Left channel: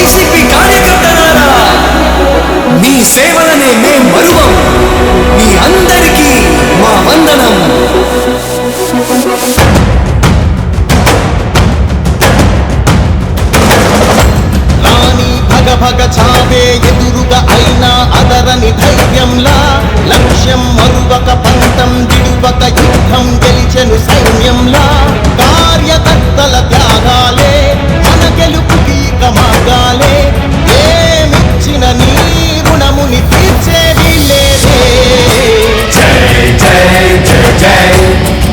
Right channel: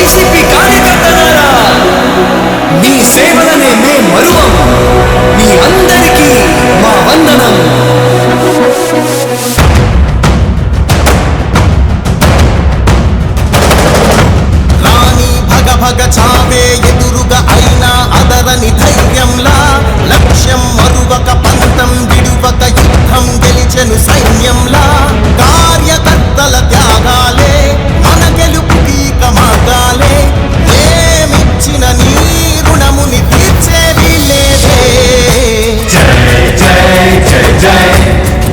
YCP కార్యకర్తలారా, మీ సేవలనే మే మరువం. మీ అందరికీ మా వందనం. రాణి భగ భగ చావే ఎదురుగా అయినా అదరని ధైర్యంలా, లక్ష్యం మరువక పంతం విడువక యుద్ధం గెలిచెను సైన్యంలా. కార్యకర్తల త్యాగాలే మన గెలుపుకి ఇక మార్గాలే. ఏమిచ్చిన నీ రుణముని తీర్చేది లేదే. జై జై జై జై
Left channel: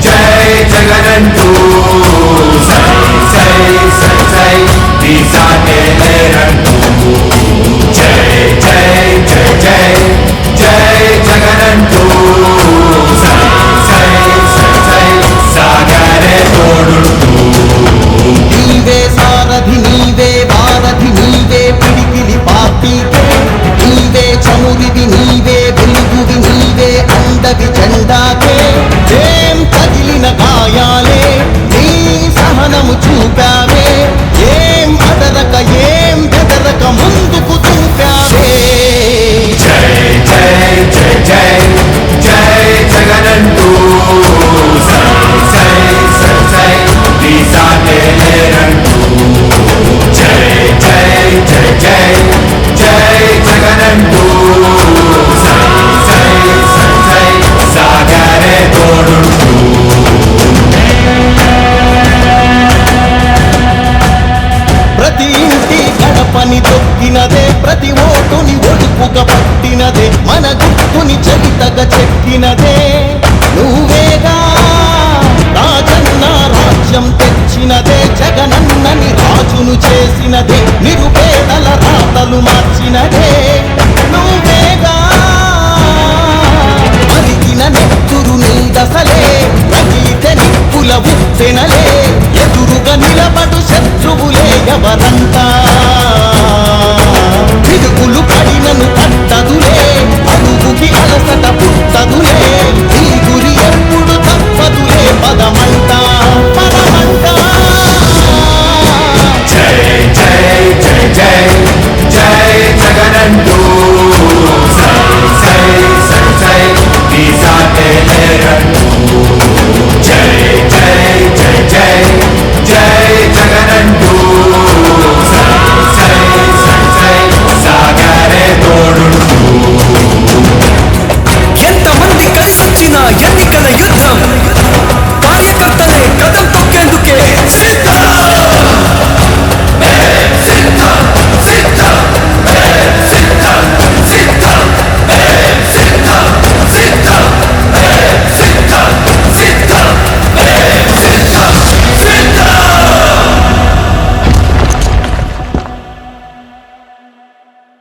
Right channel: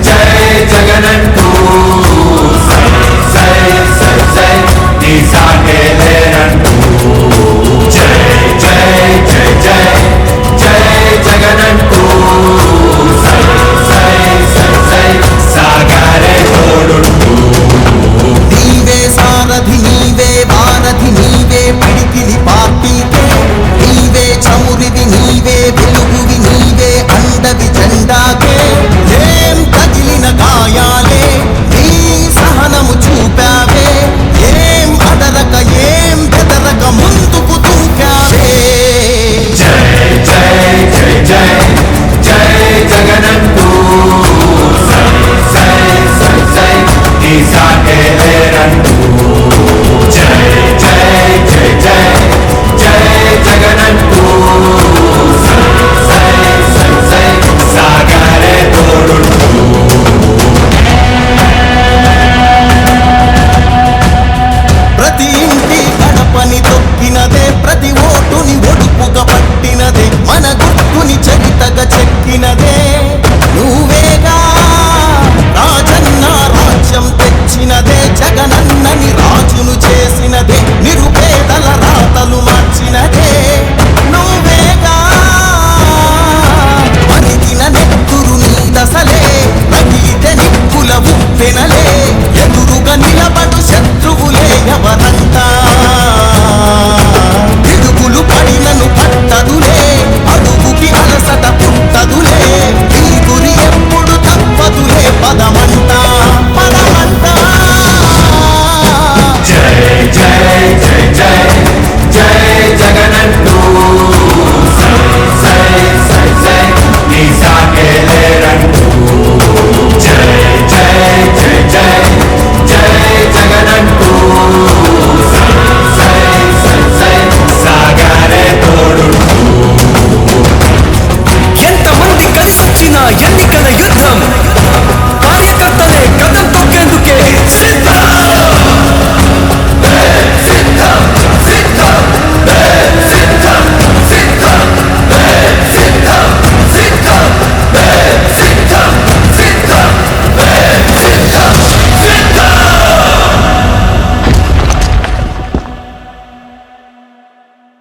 జై జగనంటూ సై సై సై సై నీ సాటే లేనంటూ. జై జై జై జై జై జగనంటూ సై సై సై సై సాగరే తోడుంటూ. నీవే సారథి నీవే వారధి నీవే పిడికిలి పార్టీకే. నీవే చమురివి నీవే వెలుగువి నీవే అండవి జెండాకే. ఏం తగిలిన గాయాలే నీ సహనము చూపావే. ఏం అదరక ఏం బెదరక ముందుకు చూపావే. జై జై జై జై జై జగనంటూ సై సై సై సై నీ సాటే లేనంటూ. జై జై జై జై జై జగనంటూ సై సై సై సై సాగరే తోడుంటూ. ప్రతి ఇంటి గడపని తొక్కినదే, ప్రతి ఓటుని ఒడుపుగా పట్టినదే, మన గుర్తుని చరితగా చెక్కినదే నువ్వేగా. రాజన్న రాజ్యం తెచ్చినదే, జగనన్నని రాజును చేసినదే, నిరుపేదల రాతలు మార్చినదే నువ్వేగా. మరిగిన నెత్తురు నీ దశలే, రగిలితే నిప్పుల ఉప్పెనలే. ఎదురుగా నిలబడు శత్రువులే ఎవరంట. పిడుగులు పడినను పట్టదులే, అడుగుకి అలసట పుట్టదులే. నీ గురి ఎప్పుడు తప్పదులే, పదమ